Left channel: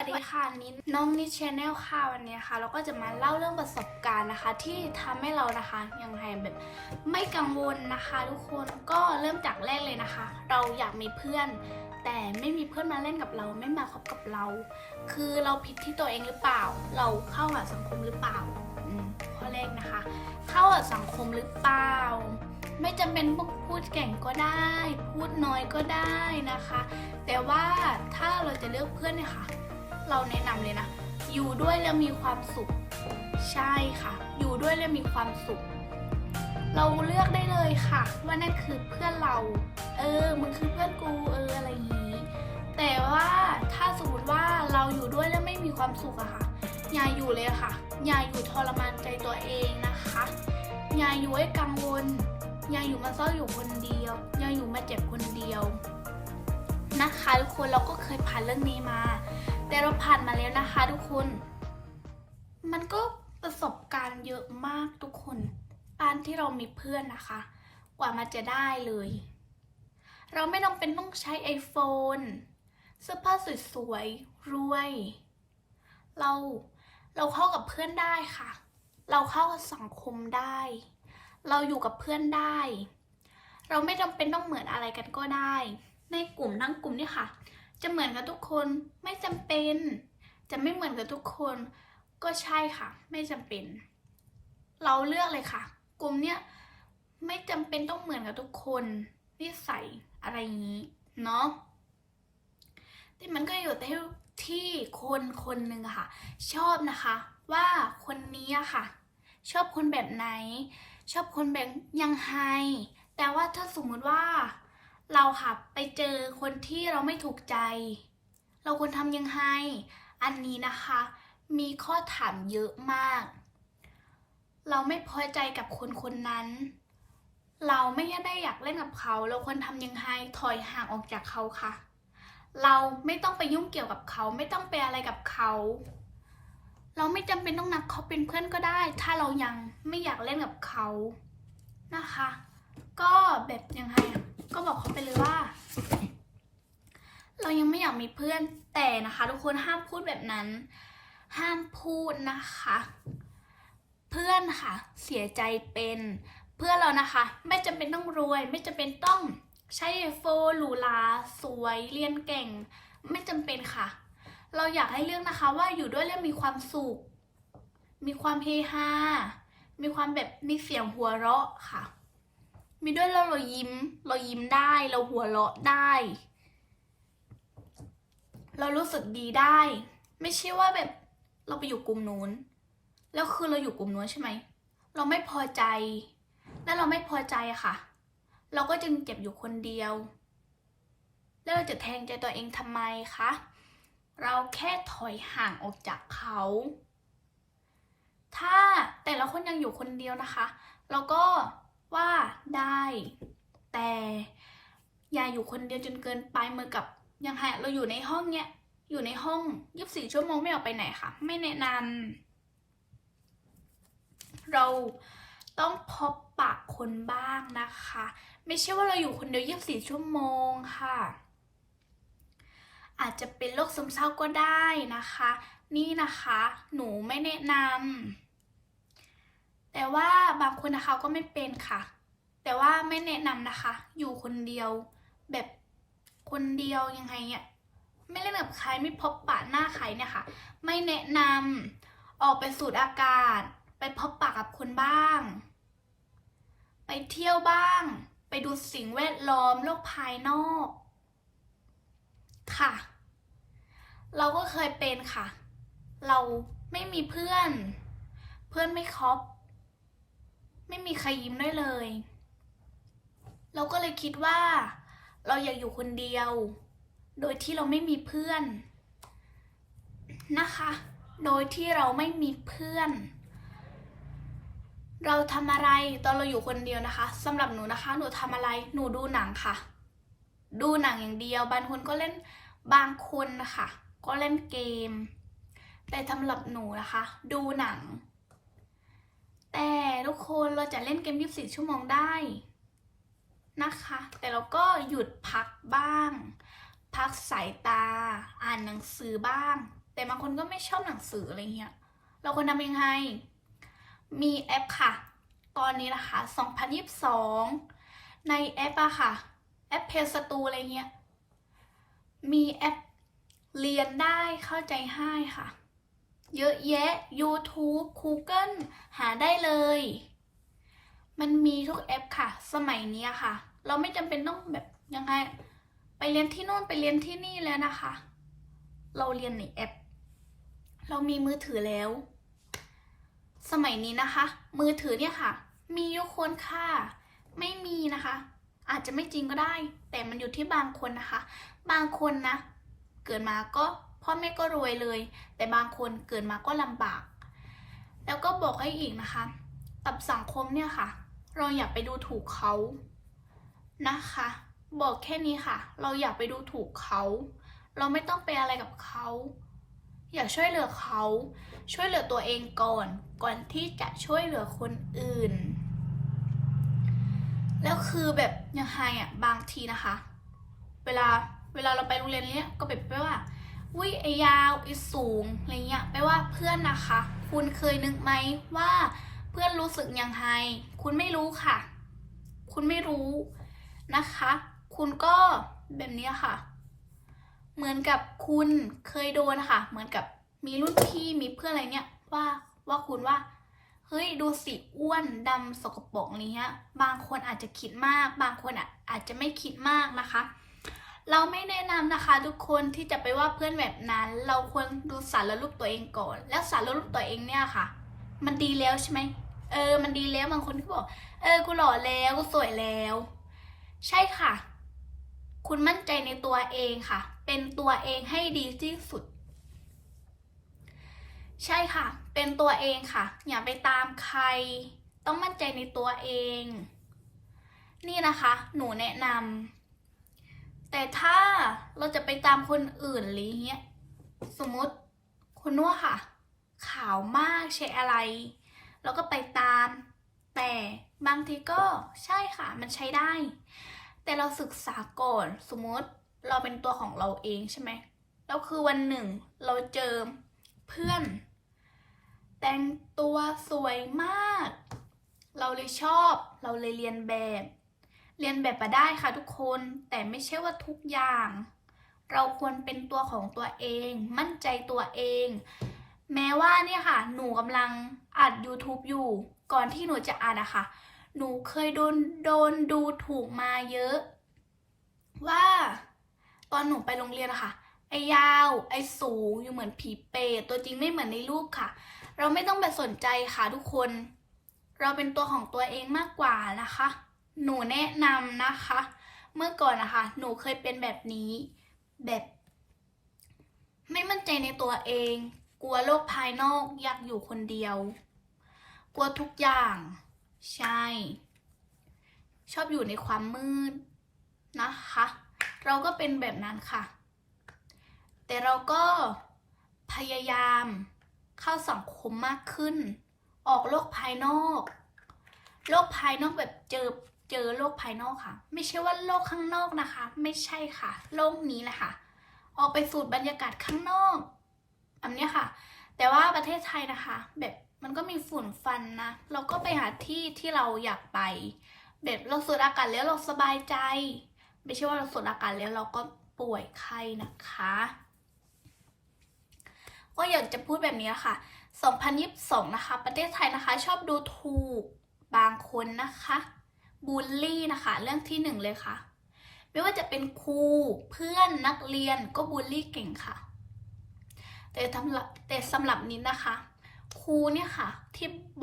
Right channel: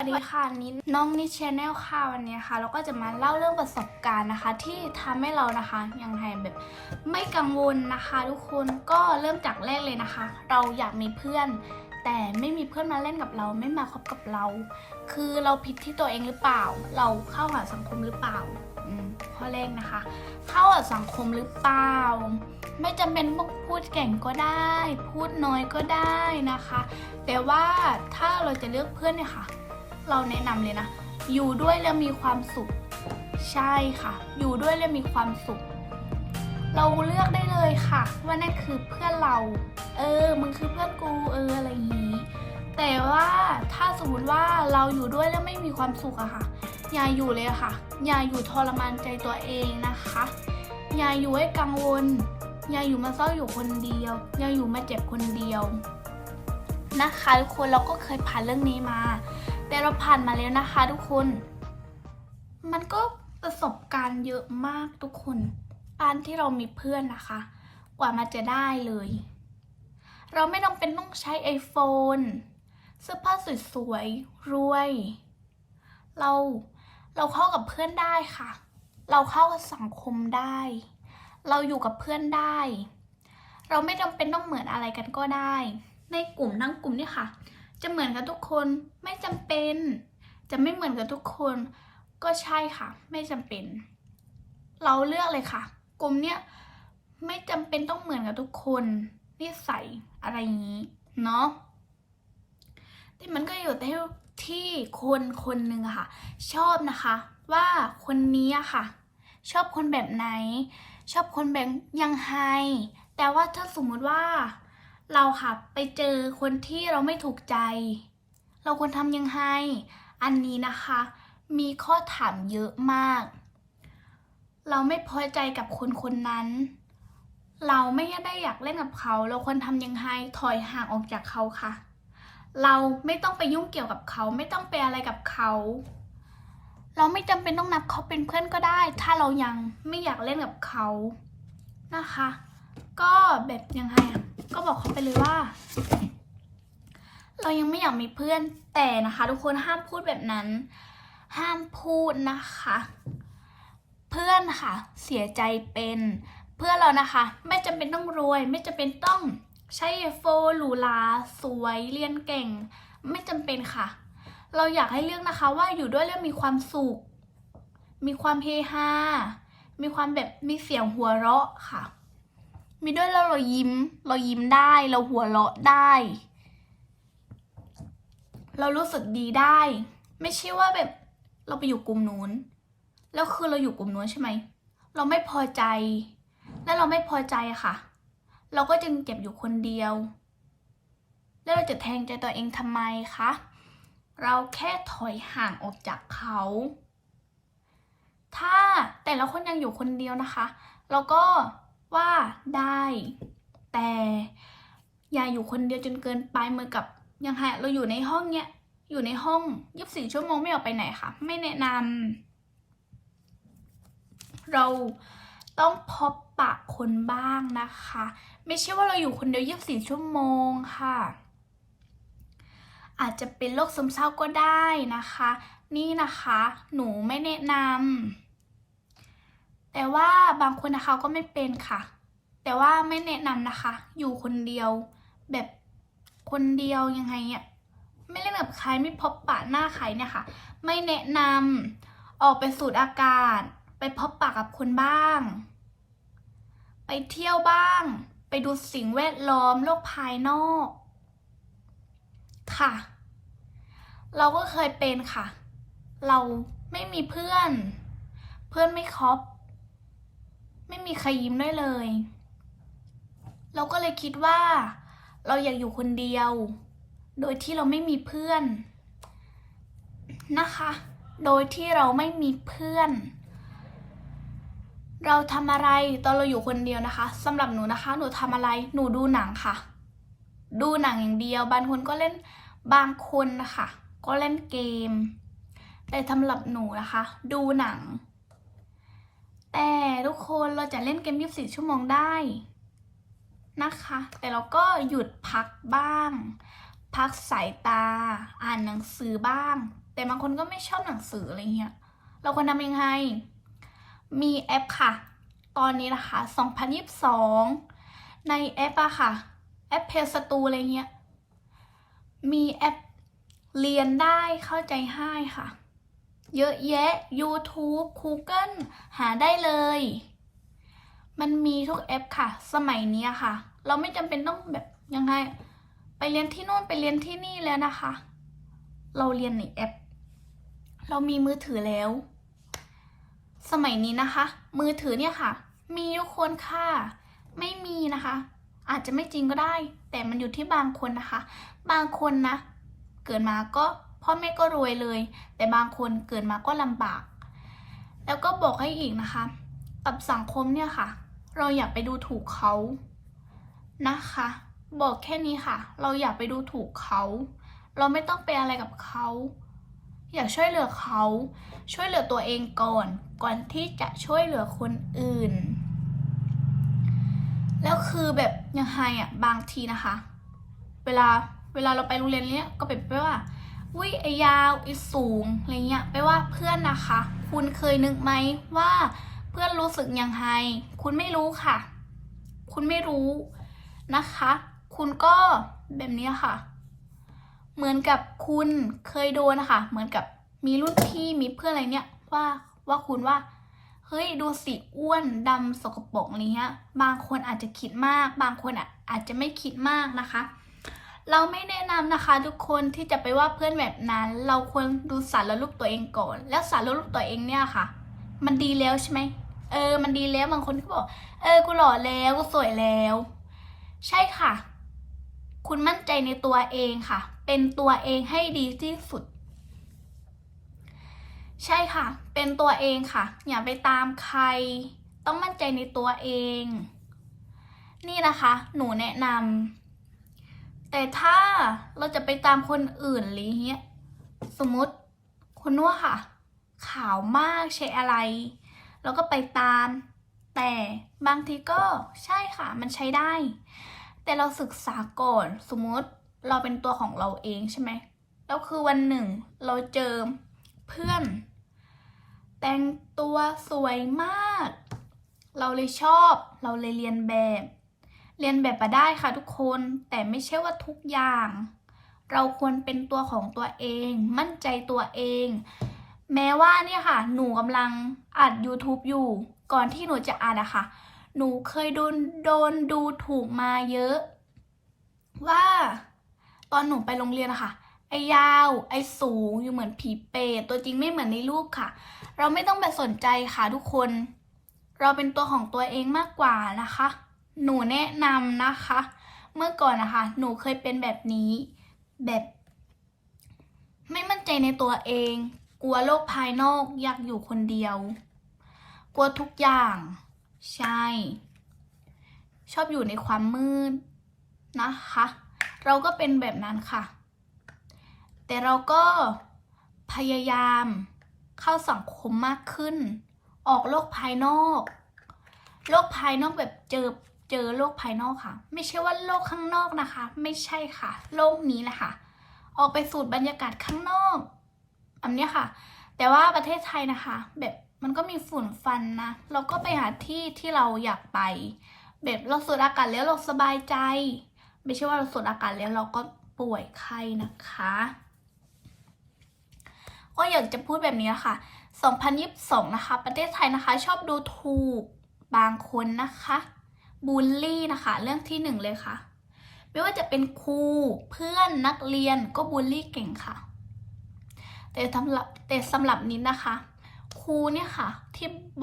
สวัสดีค่ะนิดน้องนิชแนลค่ะวันนี้ค่ะเราก็จะมาเล่าเรื่องประสบการณ์นะคะ ที่ทำให้เรานะคะยังไงแบบไม่กังวลนะคะ ทุกคนก็เริ่มจากแรกเลยนะคะ เราอยากมีเพื่อน แต่ไม่มีเพื่อนมาเล่นกับเรา ไม่มาคบกับเรา คือเราผิดที่ตัวเองหรือเปล่า เราเข้าหาสังคมหรือเปล่าข้อแรกนะคะ เข้าหาสังคมหรือเปล่า ไม่จำเป็นต้องพูดเก่งก็ได้ พูดน้อยก็ได้นะคะ แต่ว่าถ้าเราจะเลือกเพื่อนเนี่ยค่ะ เราแนะนำเลยนะ อยู่ด้วยแล้วมีความสุข ใช่ค่ะ อยู่ด้วยแล้วมีความสุข เราเลือกได้เลยค่ะ ว่านั่นคือเพื่อนเรา เออมึงคือเพื่อนกูเอออะไรอย่างนี้ แต่ว่าถ้าสมมติว่าเราอยู่ด้วยแล้วไม่มีความสุขอะค่ะ อย่าอยู่เลยค่ะ อย่าอยู่ทรมานใจตัวเองนะคะ อย่าอยู่ให้กังวล อย่าอยู่มาเศร้าอยู่คนเดียว อย่าอยู่มาเจ็บคนเดียวนะคะทุกคนเราก็เคยผ่านเรื่องนี้มา แต่เราผ่านมาแล้วนะคะทุกคน มันก็ประสบการณ์เยอะมากทุกคนการที่เรามีเพื่อนนะคะ กว่ามันจะได้เลย เราไม่ต้องเป็นต้องใช้ iPhone เสื้อผ้าสวยๆรวย เราเราเข้ากับเพื่อนได้ค่ะ เราเข้ากับสังคมได้ เราอยู่กับเพื่อนได้ เราไม่จำเป็นต้องเหมือนอะไรกันก็ได้ ในกลุ่มทั้งกลุ่มนี่ค่ะ จะเหมือนกับทุกคนไม่จำเป็น จะไม่เหมือนกับทุกคน ก็ใช่ค่ะ ไม่จำเป็น เราเลือกเลยค่ะ กลุ่มเนี้ยไม่จำเป็นต้องเหมือนกับทุกคนนิสัยอะไรอย่างนี้เนาะแต่มันก็อยู่ที่ที่คนคนหนึ่งค่ะ ชอบนะคะ ว่าคนนี้ค่ะ ชอบคนแบบไหน ชอบคนแบบยังไงแต่ว่าถ้าสมมุติว่า เราค่ะไปเจอคนที่เราไม่ถูกใจ เราควรทำยังไง อันนี้นะคะ มีข้อถามเยอะมาก เราไม่พอใจกับคนคนนั้น เราไม่ได้อยากเล่นกับเขา เราควรทำยังไงถอยห่างออกจากเขาค่ะ เราไม่ต้องไปยุ่งเกี่ยวกับเขา ไม่ต้องไปอะไรกับเขา เราไม่จำเป็นต้องนับเขาเป็นเพื่อนก็ได้ ถ้าเรายังไม่อยากเล่นกับเขานะคะ ก็แบบยังไงอะ ก็บอกเขาไปเลยว่า เรายังไม่อยากมีเพื่อนแต่นะคะ ทุกคนห้ามพูดแบบนั้น ห้ามพูดนะคะ เพื่อนค่ะ เสียใจเป็นเพื่อนเรานะคะ ไม่จำเป็นต้องรวย ไม่จำเป็นต้องใช้โฟหรูหราสวยเรียนเก่ง ไม่จำเป็นค่ะ เราอยากให้เลือกนะคะ ว่าอยู่ด้วยแล้วมีความสุข มีความเฮฮามีความแบบมีเสียงหัวเราะค่ะ มีด้วยแล้วเรายิ้ม เรายิ้มได้ เราหัวเราะได้ เรารู้สึกดีได้ ไม่ใช่ว่าแบบ เราไปอยู่กลุ่มนู้น แล้วคือเราอยู่กลุ่มนู้นใช่ไหม เราไม่พอใจ แล้วเราไม่พอใจอะค่ะ เราก็จึงเก็บอยู่คนเดียว แล้วเราจะแทงใจตัวเองทำไมคะ เราแค่ถอยห่างออกจากเขา ถ้าแต่ละคนยังอยู่คนเดียวนะคะ เราก็ ว่าได้ แต่อย่าอยู่คนเดียวจนเกินไปเหมือนกับยังไงเราอยู่ในห้องเนี้ยอยู่ในห้องยีิบสี่ชั่วโมงไม่ออกไปไหนค่ะ ไม่แนะนำเราต้องพบปะคนบ้างนะคะ ไม่ใช่ว่าเราอยู่คนเดียวยีิบสี่ชั่วโมงค่ะ อาจจะเป็นโรคซึมเศร้าก็ได้นะคะ นี่นะคะ หนูไม่แนะนำ แต่ว่าบางคนนะคะก็ไม่เป็นค่ะ แต่ว่าไม่แนะนำนะคะ อยู่คนเดียว แบบคนเดียวยังไงเนี่ยไม่เล่นกับใครไม่พบปะหน้าใครเนี่ยค่ะ ไม่แนะนำออกไปสูดอากาศ ไปพบปะกับคนบ้าง ไปเที่ยวบ้าง ไปดูสิ่งแวดล้อมโลกภายนอก ค่ะ เราก็เคยเป็นค่ะ เราไม่มีเพื่อน เพื่อนไม่คบ ไม่มีใครยิ้มได้เลย เราก็เลยคิดว่า เราอยากอยู่คนเดียว โดยที่เราไม่มีเพื่อนนะคะ โดยที่เราไม่มีเพื่อน เราทำอะไรตอนเราอยู่คนเดียวนะคะสำหรับหนูนะคะ หนูทำอะไรหนูดูหนังค่ะ ดูหนังอย่างเดียว บางคนก็เล่นบางคนนะคะก็เล่นเกม แต่สำหรับหนูนะคะ ดูหนัง แต่ทุกคนเราจะเล่นเกม 24 ชั่วโมงได้นะคะ แต่เราก็หยุดพักบ้าง พักสายตา อ่านหนังสือบ้าง แต่บางคนก็ไม่ชอบหนังสืออะไรเงี้ย เราควรทำยังไง มีแอปค่ะ ตอนนี้นะคะ 2022 ในแอปอะค่ะ แอปเพจสตูอะไรเงี้ย มีแอปเรียนได้เข้าใจให้ค่ะ เยอะแยะ YouTube Google หาได้เลย มันมีทุกแอปค่ะ สมัยนี้ค่ะ เราไม่จำเป็นต้องแบบยังไง ไปเรียนที่โน่นไปเรียนที่นี่แล้วนะคะ เราเรียนในแอป เรามีมือถือแล้ว สมัยนี้นะคะ มือถือเนี่ยค่ะ มีทุกคนค่ะ ไม่มีนะคะ อาจจะไม่จริงก็ได้ แต่มันอยู่ที่บางคนนะคะ บางคนนะ เกิดมาก็ พ่อแม่ก็รวยเลย แต่บางคนเกิดมาก็ลำบาก แล้วก็บอกให้อีกนะคะ กับสังคมเนี่ยค่ะ เราอย่าไปดูถูกเขานะคะ บอกแค่นี้ค่ะ เราอย่าไปดูถูกเขา เราไม่ต้องไปอะไรกับเขาอยากช่วยเหลือเขา ช่วยเหลือตัวเองก่อน ก่อนที่จะช่วยเหลือคนอื่น แล้วคือแบบยังไงอะบางทีนะคะ เวลาเวลาเราไปโรงเรียนเนี้ยก็เป็นไปว่า วิไอยาวไอสูงอะไรเงี้ยแปลว่าเพื่อนนะคะ คุณเคยนึกไหมว่าเพื่อนรู้สึกยังไง คุณไม่รู้ค่ะ คุณไม่รู้นะคะ คุณก็แบบนี้ค่ะ เหมือนกับคุณเคยโดนนะคะ เหมือนกับมีรุ่นพี่มีเพื่อนอะไรเนี่ยว่าว่าคุณว่าเฮ้ยดูสิอ้วนดำสกปรกอะไรเงี้ยบางคนอาจจะคิดมาก บางคนอะอาจจะไม่คิดมากนะคะ เราไม่แนะนำนะคะทุกคนที่จะไปว่าเพื่อนแบบนั้น เราควรดูสารรูปตัวเองก่อน แล้วสารรูปตัวเองเนี่ยค่ะ มันดีแล้วใช่ไหมเออ มันดีแล้วบางคนก็บอก เออ กูหล่อแล้วกูสวยแล้ว ใช่ค่ะ คุณมั่นใจในตัวเองค่ะ เป็นตัวเองให้ดีที่สุด ใช่ค่ะ เป็นตัวเองค่ะ อย่าไปตามใคร ต้องมั่นใจในตัวเอง นี่นะคะ หนูแนะนำ แต่ถ้าเราจะไปตามคนอื่นหรือเงี้ยสมมติคุณนัวค่ะ ขาวมากใช้อะไรเราก็ไปตาม แต่บางทีก็ใช่ค่ะ มันใช้ได้ แต่เราศึกษาก่อนสมมติเราเป็นตัวของเราเองใช่ไหมแล้วคือวันหนึ่งเราเจอเพื่อน แต่งตัวสวยมาก เราเลยชอบ เราเลยเรียนแบบ เรียนแบบมาได้ค่ะทุกคนแต่ไม่ใช่ว่าทุกอย่าง เราควรเป็นตัวของตัวเอง มั่นใจตัวเอง แม้ว่าเนี่ยค่ะ หนูกำลังอัด YouTube อยู่ ก่อนที่หนูจะอัดอะค่ะ หนูเคยโดนโดนดูถูกมาเยอะ ว่า ตอนหนูไปโรงเรียนอะค่ะ ไอยาว ไอสูงอยู่เหมือนผีเปรตตัวจริงไม่เหมือนในรูปค่ะ เราไม่ต้องไปสนใจค่ะทุกคน เราเป็นตัวของตัวเองมากกว่านะคะ หนูแนะนำนะคะ เมื่อก่อนนะคะ หนูเคยเป็นแบบนี้แบบ ไม่มั่นใจในตัวเอง กลัวโลกภายนอกอยากอยู่คนเดียว กลัวทุกอย่าง ใช่ ชอบอยู่ในความมืดนะคะ เราก็เป็นแบบนั้นค่ะ แต่เราก็พยายามเข้าสังคมมากขึ้น ออกโลกภายนอก โลกภายนอกแบบเจอ เจอโลกภายนอกค่ะ ไม่ใช่ว่าโลกข้างนอกนะคะ ไม่ใช่ค่ะ โลกนี้แหละค่ะ ออกไปสูดบรรยากาศข้างนอกอันนี้ค่ะ แต่ว่าประเทศไทยนะคะ แบบมันก็มีฝุ่นฟันนะ เราก็ไปหาที่ที่เราอยากไป แบบเราสูดอากาศแล้วเราสบายใจ ไม่ใช่ว่าเราสูดอากาศแล้วเราก็ป่วยไข้นะคะก็อยากจะพูดแบบนี้ค่ะ 2022 นะคะ ประเทศไทยนะคะ ชอบดูถูกบางคนนะคะ บูลลี่นะคะ เรื่องที่หนึ่งเลยค่ะ ไม่ว่าจะเป็นครูเพื่อนนักเรียนก็บูลลี่เก่งค่ะ แต่สำหรับแต่สำหรับนี้นะคะ ครูเนี่ยค่ะที่บ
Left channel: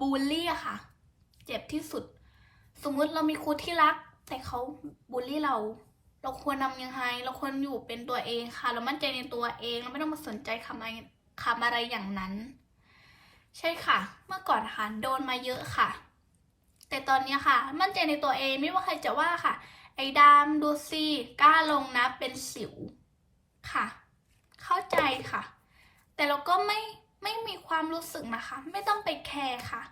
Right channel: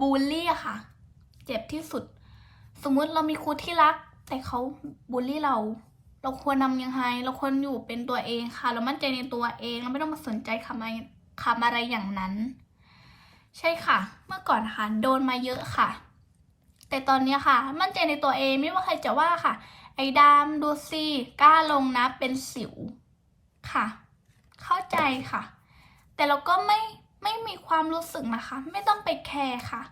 บูลลี่ค่ะ เจ็บที่สุด สมมุติเรามีครูที่รัก แต่เขาบูลลี่เรา เราควรนำยังไงเราควรอยู่เป็นตัวเองค่ะ เรามั่นใจในตัวเองเราไม่ต้องมาสนใจคำอะไรคำอะไรอย่างนั้น ใช่ค่ะ เมื่อก่อนนะคะโดนมาเยอะค่ะ แต่ตอนนี้ค่ะ มั่นใจในตัวเองไม่ว่าใครจะว่าค่ะ ไอ้ดำดูสิกล้าลงนะเป็นสิวค่ะ เข้าใจค่ะ แต่เราก็ไม่ไม่มีความรู้สึกนะคะ ไม่ต้องไปแคร์ค่ะ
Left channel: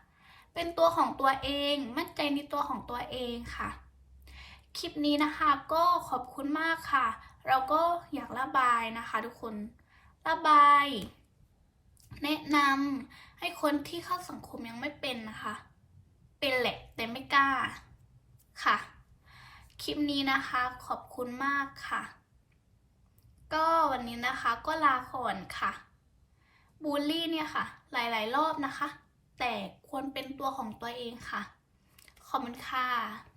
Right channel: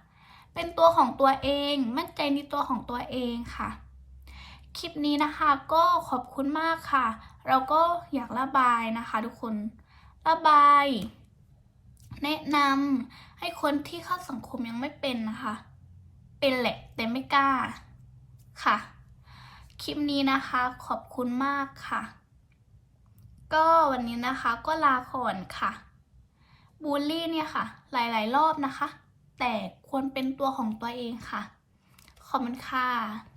เป็นตัวของตัวเอง มั่นใจในตัวของตัวเองค่ะ คลิปนี้นะคะก็ขอบคุณมากค่ะ เราก็อยากระบายนะคะ ทุกคนระบาย แนะนำให้คนที่เข้าสังคมยังไม่เป็นนะคะ เป็นแหละ ไม่กล้าค่ะ คลิปนี้นะคะขอบคุณมากค่ะ ก็วันนี้นะคะก็ลาก่อนค่ะบูลลี่เนี่ยค่ะ หลาย ๆ รอบนะคะ แต่ควรเป็นตัวของตัวเองค่ะ ขอบคุณค่ะ